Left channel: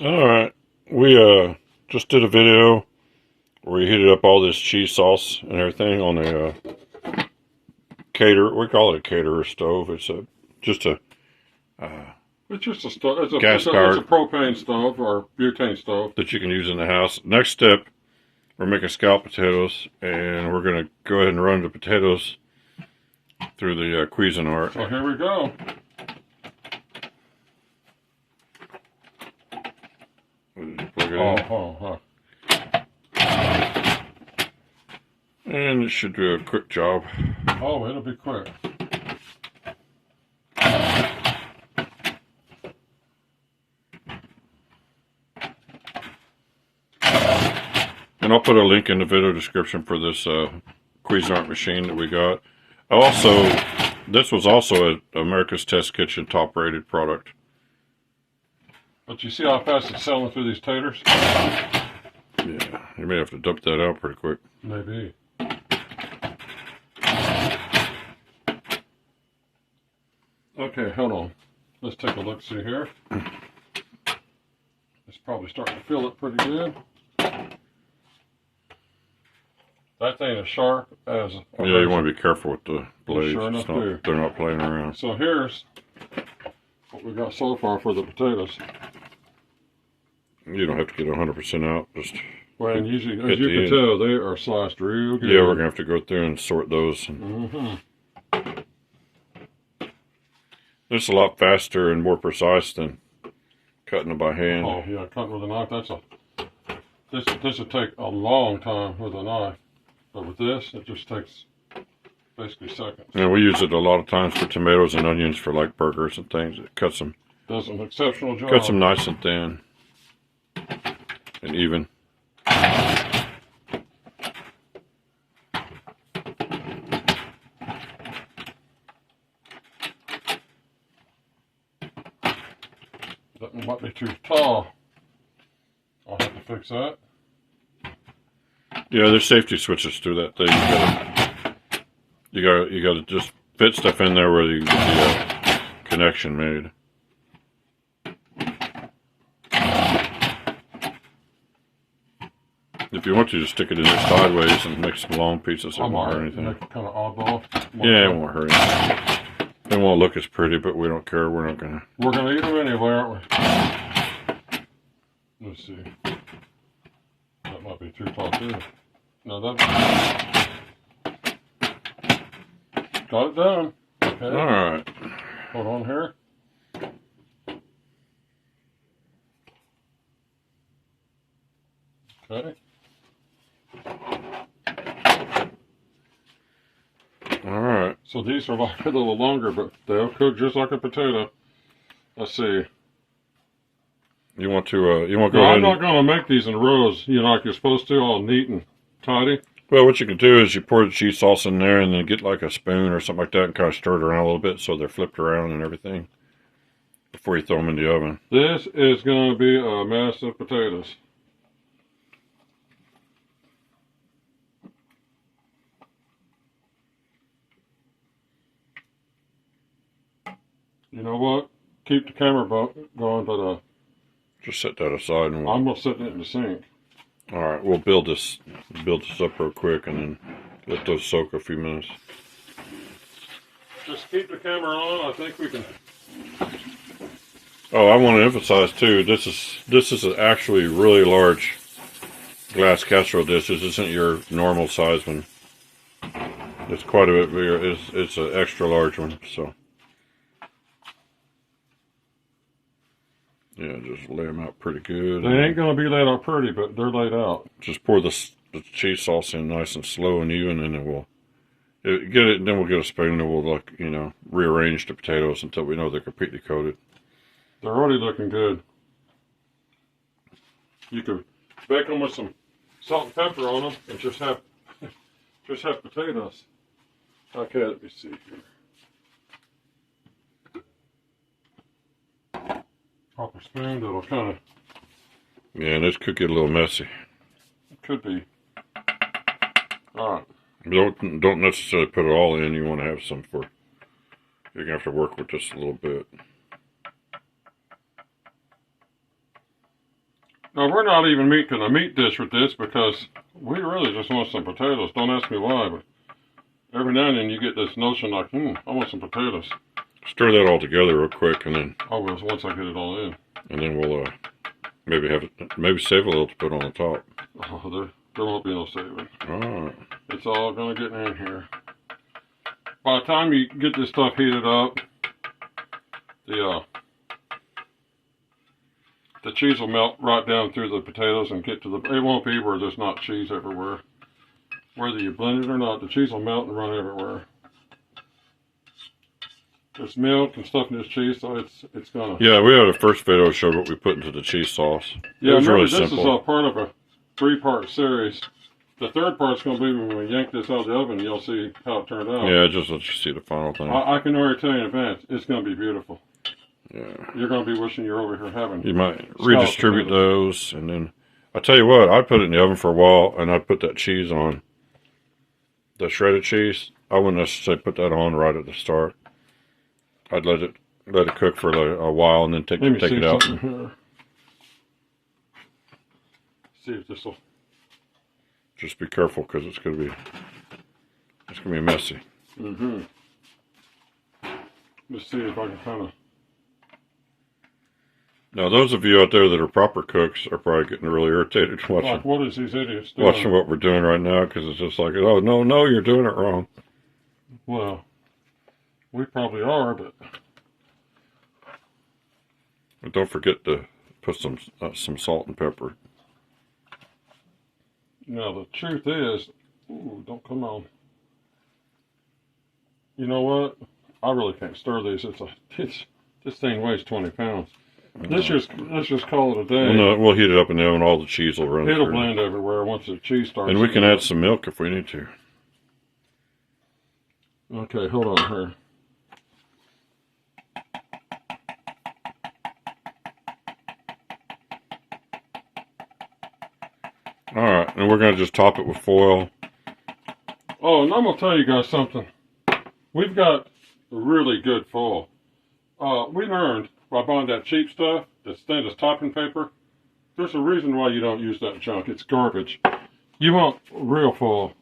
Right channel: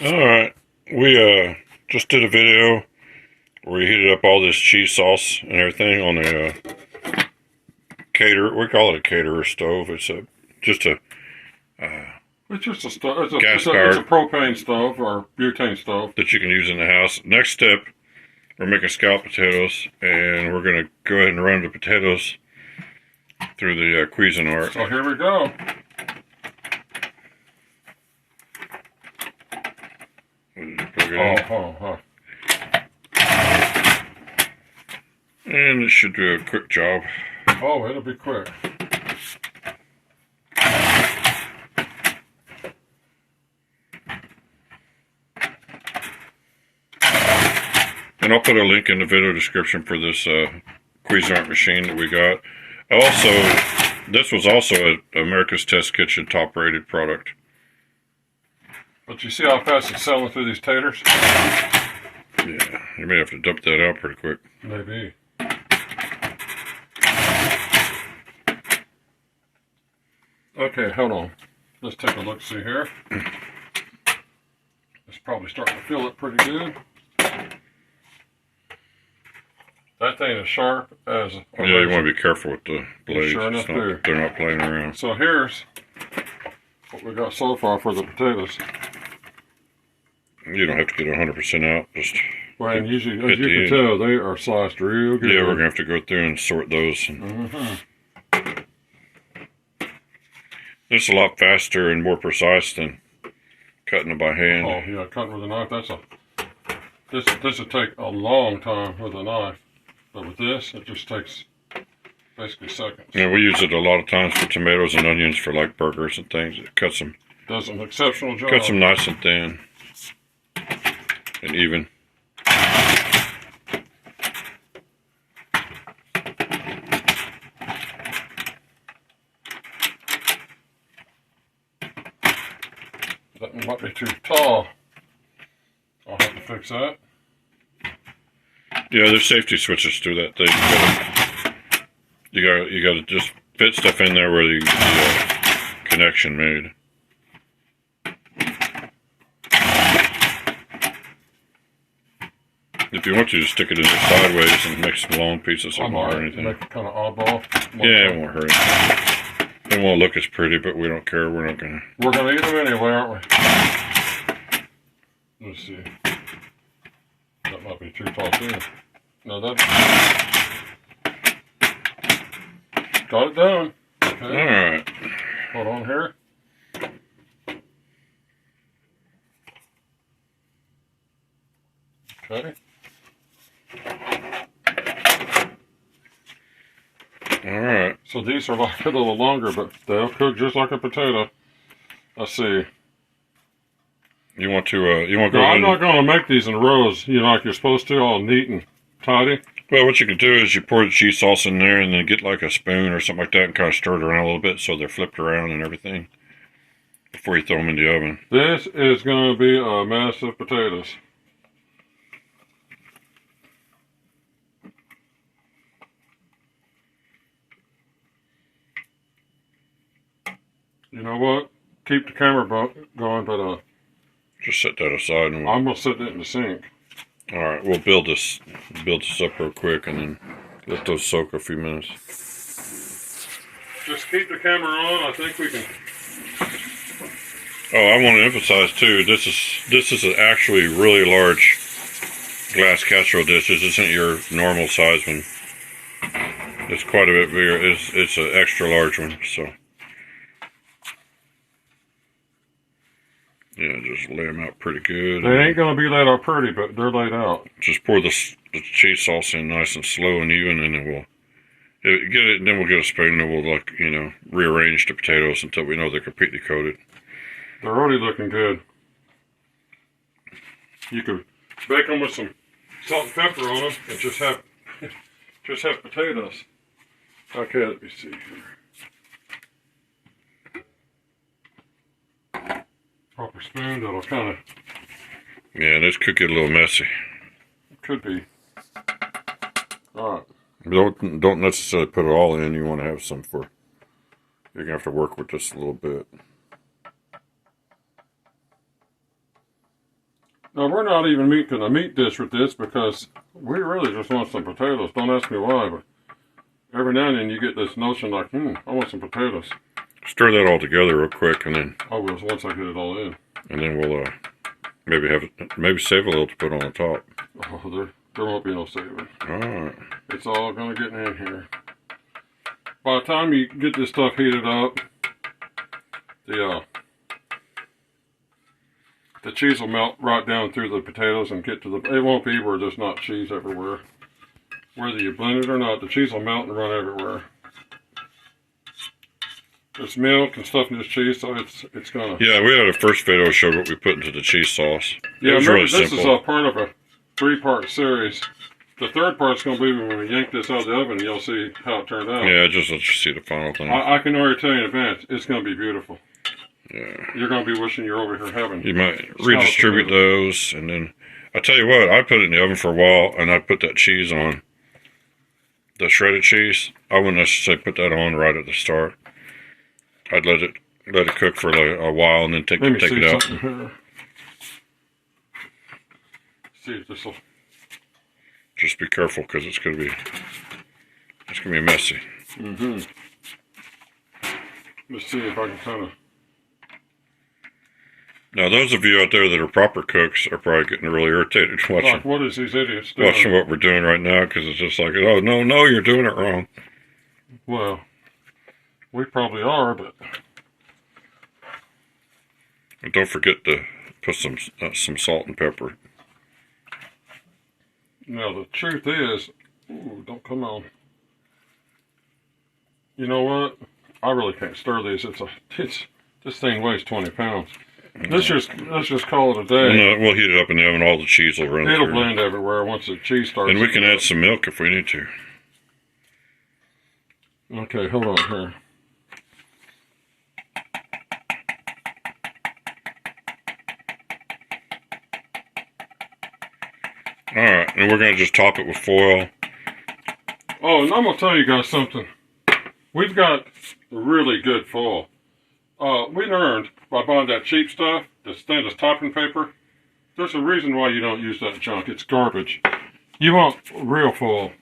Alright, we just did a video where we heated up all this cheese sauce and everything on a caterer. We call it a caterer stove. It's just a It's just a stove. It's a gas-powered propane stove or butane stove. that you can use in the house. Next step, we're making scalloped potatoes, and we're going to go ahead and run the potatoes through the Cuisinart. So here we go. Plug it in. And it should do a quick job. Oh, it'll be quick. And I'll put a link in the video description for this Cuisinart machine that we got. This was also a America's Test Kitchen top-rated product. But you see how fast it's selling through these taters? Yeah, you may have to dump that out pretty quick. Maybe. Okay, hold on. Let's take a look, see here. It's probably starting to fill it pretty good. That thing is sharp as a Yeah, you want to be careful with the blades. Sure enough, They're not playing around. So here's what we got so far for the potatoes. You don't have to get 100% out. Just well, and usually, as you can tell, they are sliced real good. Yeah, we're going to have to go through and sort those. It's a lot faster and more precise than cutting them by hand. Oh, yeah, cutting with a knife, this would take a long time with a knife. But with this, it just takes basically seconds. Yeah, we use it a lot of times for tomatoes and onions for like burgers and things. It cuts them. Does an exceptional job. Cuts them nice and thin and even. That one might be too tall. I'll have to fix that. Yeah, there's safety switches through that thing. You gotta just fit stuff in there where you get the connection made. If you want to, just stick it in there sideways and make some long pieces. It won't hurt anything. Make it kind of oddball. Yeah, it won't hurt anything. It won't look as pretty, but we don't care. We're gonna eat them anyway, aren't we? Let's see. That might be too tall too. No, that. Got it done. Okay. All right. Hold on here. Okay. All right. So these are like a little longer, but they'll cook just like a potato. Let's see. You want to go ahead? I'm not going to make these in rows, like you're supposed to, all neat and tidy. Well, what you can do is you pour the cheese sauce in there and then get like a spoon or something like that and kind of stir it around a little bit so they're flipped around and everything before you throw them in the oven. This is going to be a mess of potatoes. You know what? Keep the camera going, but just set that aside and I'm gonna set it in the sink. All right, we'll build this up real quick and then let those soak a few minutes. Just keep the camera on. I think we can. Oh, I want to emphasize too. This is an actually really large glass casserole dish. This isn't your normal size one. It's quite a bit bigger. It's an extra large one. So. Yeah, just lay them out pretty good. They ain't going to be laid out pretty, but they're laid out. Just pour the cheese sauce in nice and slow and even, and then we'll get a spoon and we'll rearrange the potatoes until we know they're completely coated. They're already looking good. You could bake them with some salt and pepper on them and just have potatoes. Okay, let me see here. Proper spoon that'll kind of. Yeah, this could get a little messy. It could be. All right. Don't necessarily put it all in. You want to have some for. You're gonna have to work with this a little bit. Now, we're not even making a meat dish with this because we really just want some potatoes. Don't ask me why, but every now and then you get this notion like, I want some potatoes. Stir that all together real quick, and then I will once I get it all in. And then we'll maybe save a little to put on the top. Oh, there won't be no saving. All right. It's all gonna get in here. By the time you get this stuff heated up, the cheese will melt right down through the potatoes and get to the. It won't be where there's not cheese everywhere. Whether you blend it or not, the cheese will melt and run everywhere. There's milk and stuff in this cheese, so it's gonna. Yeah, we had a first video showed what we put into the cheese sauce. Yeah, it was remember, really this simple. is a part of a 3-part series. The third part's gonna be when we yank this out of the oven. You'll see how it turned out. Yeah, just let you see the final thing. I can already tell you in advance, it's gonna be beautiful. Yeah. You're gonna be wishing you're over here having. You might redistribute those, and then I tell you what, I put it in the oven for a while, and I put that cheese on. The shredded cheese, I wouldn't necessarily put that on right at the start. I'd let it cook for a while, and then take it out. Here. See if this will. Just be careful because it's gonna be messy. Let's see if I can kind of. Now, those of you out there that are proper cooks are probably getting really irritated watching. Like, what is these idiots doing? Watching what we're doing right now, because it's just like, oh no, you're doing it wrong. Well, we probably are, but. And don't forget to put some salt and pepper. Now the truth is, ooh, don't come on. You know what? I really can't stir these. This thing weighs 20 pounds. Let's just call it a day. We'll heat it up in the oven. All the cheese will run It'll through. blend everywhere once the cheese starts. And we can add some milk if we need to. Okay, hold on here. Alright, and we're going to just top it with foil. Oh, and I'm going to tell you guys something. We've got really good foil. We learned by buying that cheap stuff, the stainless topping paper, there's a reason why you don't use that junk. It's garbage. You want real foil.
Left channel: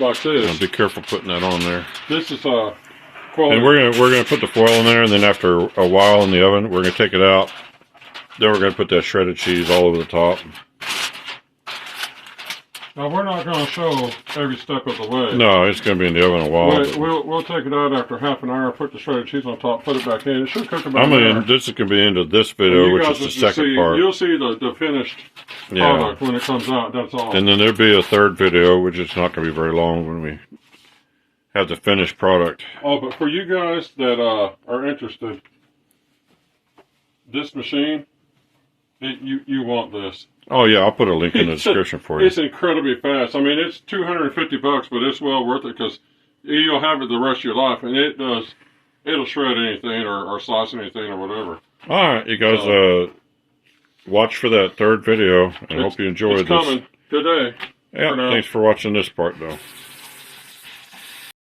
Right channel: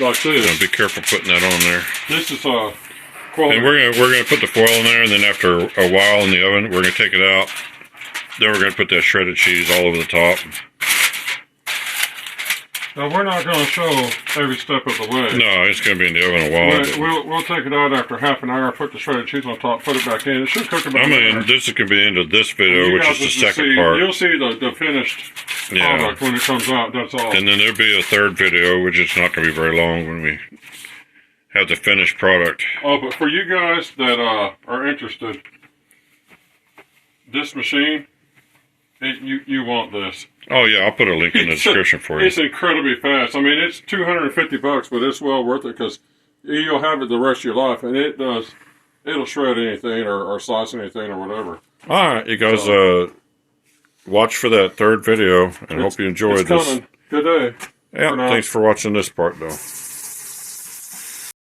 Like this. Now be careful putting that on there. This is quality. And we're gonna put the foil in there, and then after a while in the oven, we're gonna take it out. Then we're gonna put that shredded cheese all over the top. Now we're not going to show every step of the way. No, it's going to be in the oven a while. We'll take it out after half an hour, put the shredded cheese on top, put it back in. It should cook about an hour. This is going to be the end of this video, which is the second part. You'll see the finished product when it comes out, that's all. And then there'll be a third video, which is not going to be very long when we have the finished product. Oh, but for you guys that are interested, this machine, you want this. Oh yeah, I'll put a link in the description for you. It's incredibly fast. I mean, it's $250, but it's well worth it because you'll have it the rest of your life, and it'll shred anything or slice anything or whatever. All right, you guys, watch for that third video, and hope you enjoyed this. Coming. Good day. Yeah, thanks for watching this part, though.